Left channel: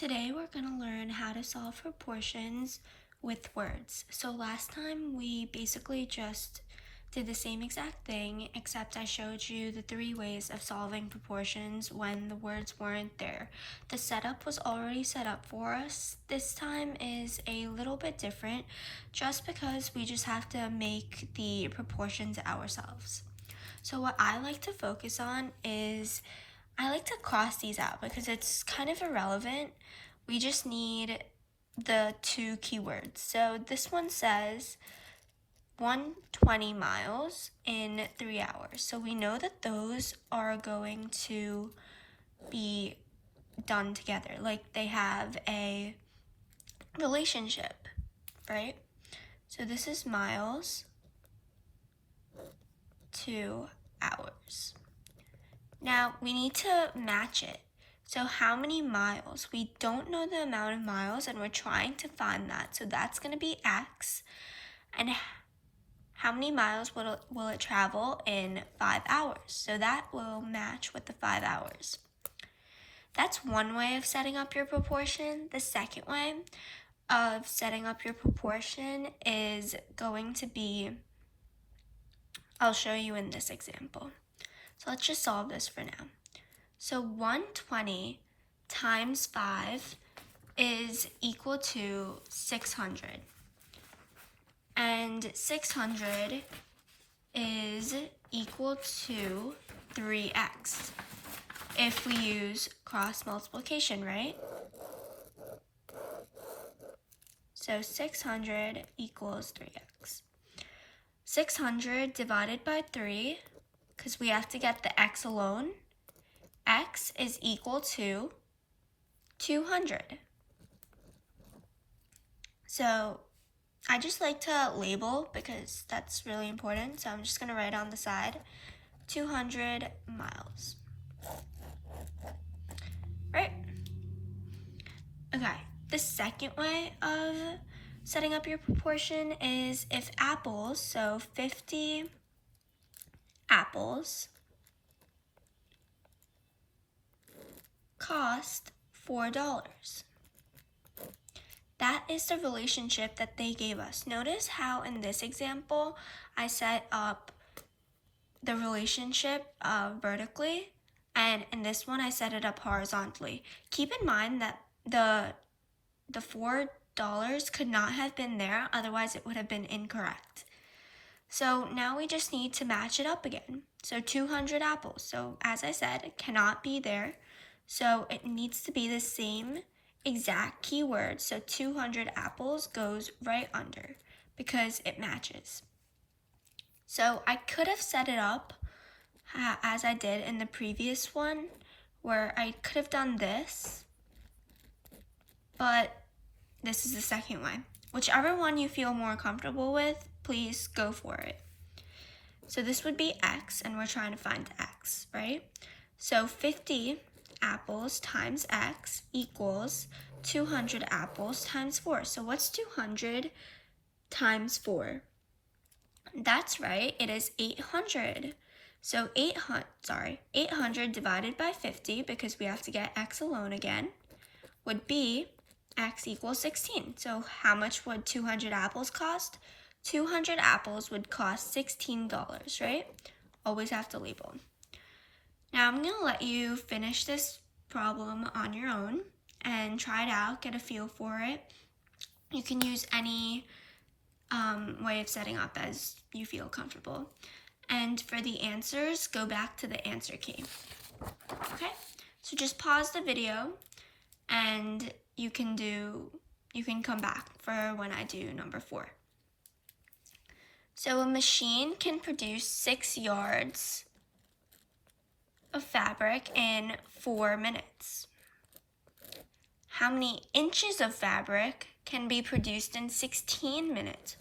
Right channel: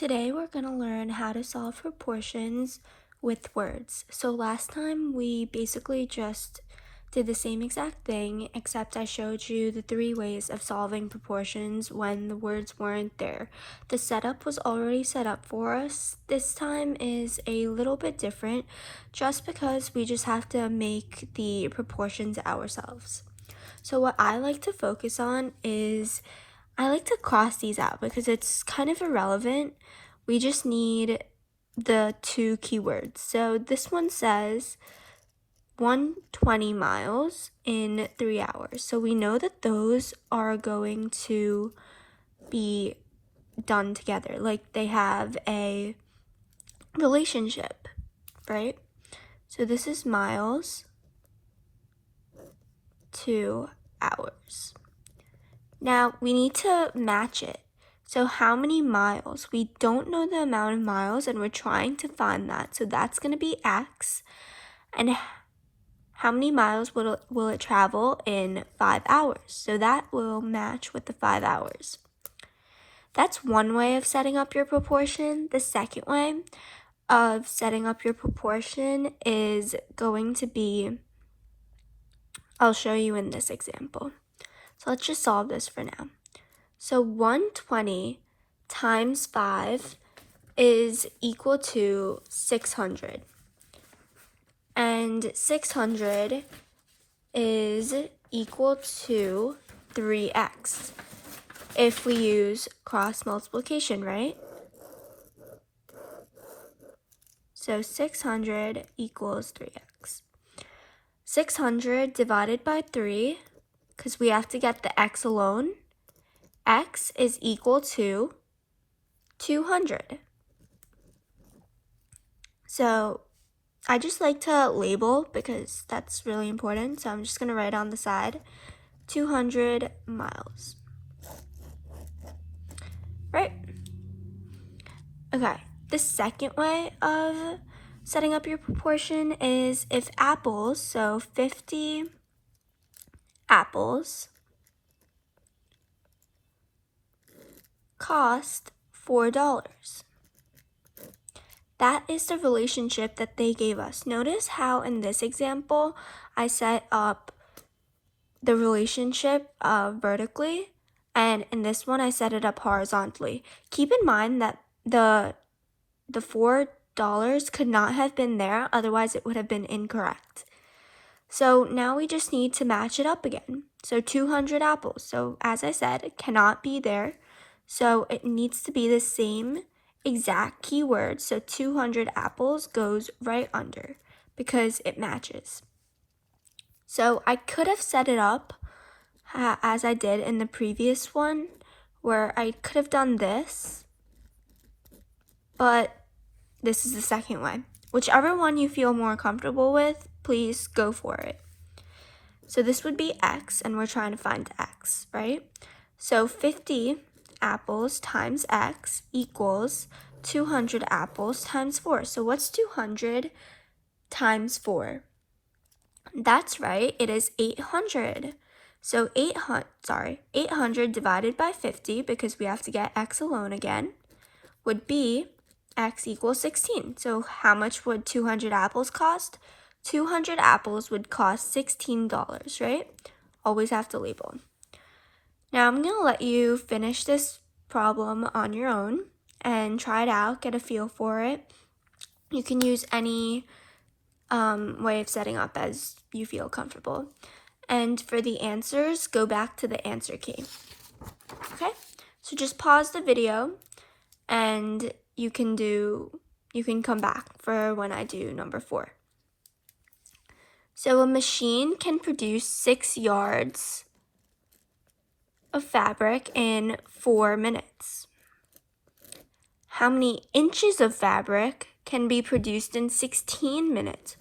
Today we're going to learn how to solve proportions with words. So last time we basically just did the same exact thing, except I showed you the 3 ways of solving proportions when the words weren't there. The setup was already set up for us. This time is a little bit different just because we just have to make the proportions ourselves. So what I like to focus on is I like to cross these out because it's kind of irrelevant. We just need the 2 keywords. So this one says 120 miles in 3 hours. So we know that those are going to be done together. Like they have a relationship, right? So this is miles to hours. Now we need to match it. So how many miles? We don't know the amount of miles and we're trying to find that. So that's going to be X. And how many miles will it travel in 5 hours? So that will match with the 5 hours. That's one way of setting up your proportion. The second way of setting up your proportion is going to be, I'll show you in this example. So let's just solve this for now. So 120 times 5 is equal to 600. And 600 is equal to 3x if we use cross multiplication, right? So 600 equals 3x. 600 divided by 3, because we have to get the x alone, x is equal to 200. So I just like to label because that's really important. So I'm just going to write on the side 200 miles. Right? Okay. The second way of setting up your proportion is if apples, so 50 apples, cost $4. That is the relationship that they gave us. Notice how in this example, I set up the relationship vertically, and in this one, I set it up horizontally. Keep in mind that the $4 could not have been there, otherwise it would have been incorrect. So now we just need to match it up again. So 200 apples. So as I said, it cannot be there. So it needs to be the same exact keyword. So 200 apples goes right under because it matches. So I could have set it up as I did in the previous one where I could have done this, but this is the second way. Whichever one you feel more comfortable with, please go for it. So this would be x, and we're trying to find x, right? So 50 apples times x equals 200 apples times 4. So what's 200 times 4? That's right, it is 800. So 800 divided by 50, because we have to get x alone again, would be x equals 16. So how much would 200 apples cost? 200 apples would cost $16, right? Always have to label. Now I'm going to let you finish this problem on your own and try it out, get a feel for it. You can use any way of setting up as you feel comfortable. And for the answers, go back to the answer key. Okay? So just pause the video and you can come back for when I do number 4. So a machine can produce 6 yards of fabric in 4 minutes. How many inches of fabric can be produced in 16 minutes?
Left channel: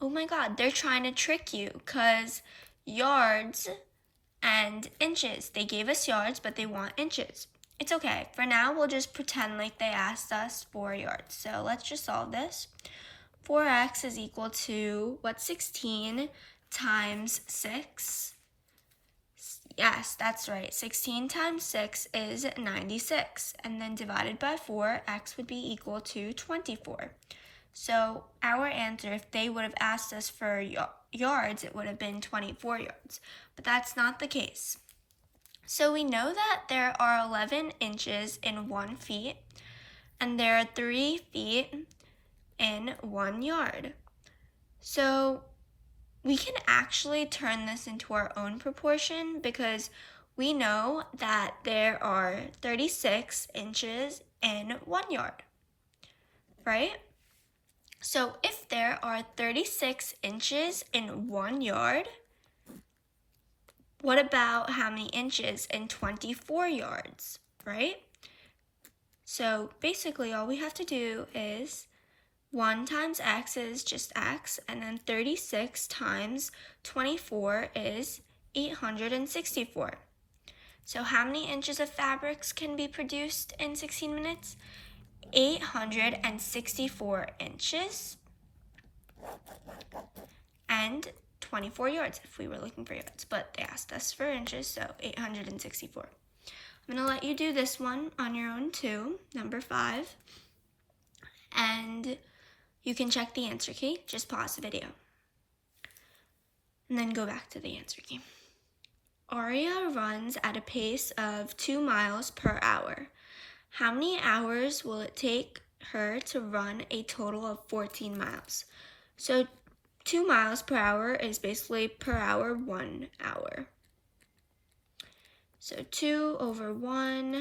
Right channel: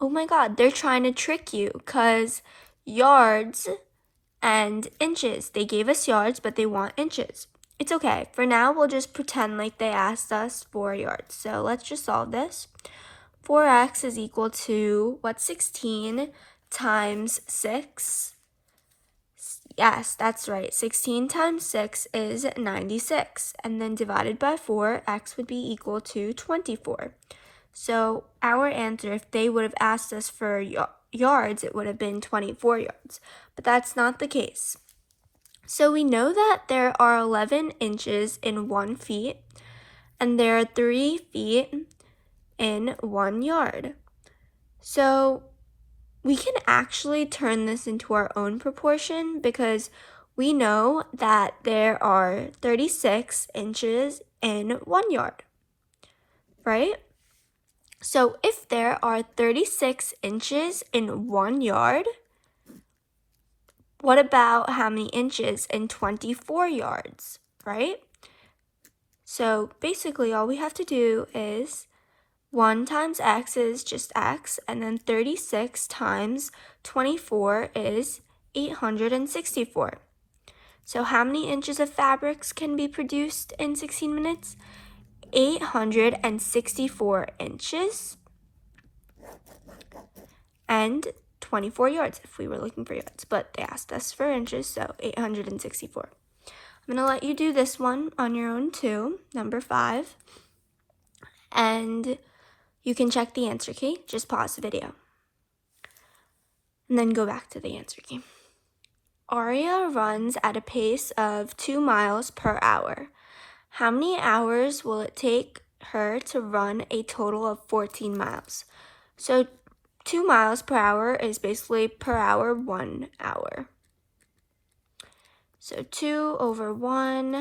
Oh my God, they're trying to trick you because yards and inches. They gave us yards, but they want inches. It's okay. For now, we'll just pretend like they asked us 4 yards. So let's just solve this. 4x is equal to, 16 times 6? Yes, that's right. 16 times 6 is 96. And then divided by 4, x would be equal to 24. So our answer, if they would have asked us for yards, it would have been 24 yards. But that's not the case. So we know that there are 11 inches in 1 feet, and there are 3 feet in 1 yard. So we can actually turn this into our own proportion because we know that there are 36 inches in 1 yard, right? So if there are 36 inches in 1 yard, what about how many inches in 24 yards, right? So basically all we have to do is 1 times x is just x, and then 36 times 24 is 864. So how many inches of fabrics can be produced in 16 minutes? 864 inches and 24 yards if we were looking for yards, but they asked us for inches, so 864. I'm going to let you do this one on your own too, number 5, and you can check the answer key. Just pause the video and then go back to the answer key. Aria runs at a pace of 2 miles per hour. How many hours will it take her to run a total of 14 miles? So 2 miles per hour is basically per hour 1 hour. So 2 over 1,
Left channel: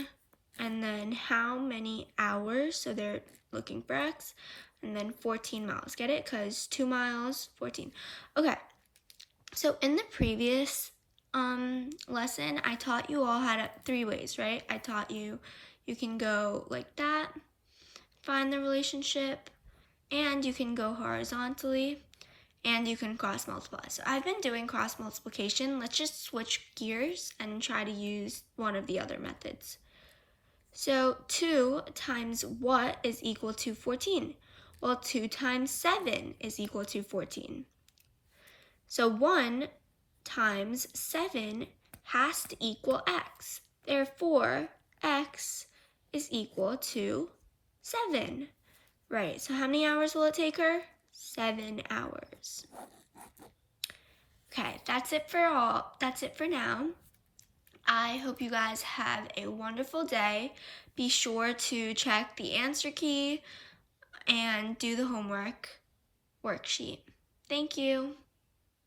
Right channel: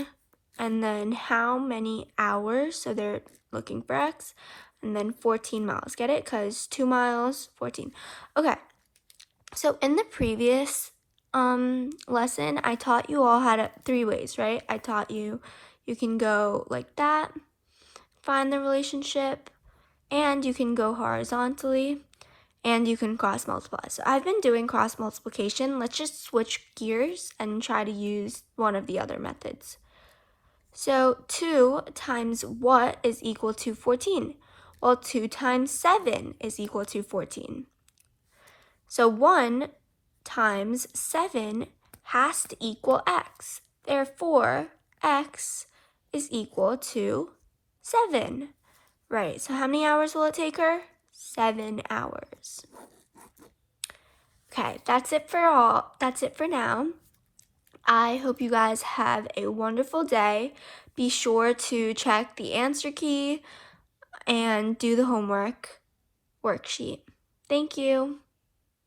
and then how many hours? So they're looking for x, and then 14 miles. Get it? Because 2 miles, 14. Okay, so in the previous lesson, I taught you all how to 3 ways, right? I taught you can go like that, find the relationship, and you can go horizontally, and you can cross multiply. So I've been doing cross multiplication. Let's just switch gears and try to use one of the other methods. So 2 times what is equal to 14? Well, 2 times 7 is equal to 14. So 1 times 7 has to equal x. Therefore, x is equal to 7. Right, so how many hours will it take her? 7 hours. Okay, that's it for now. I hope you guys have a wonderful day. Be sure to check the answer key and do the homework worksheet. Thank you.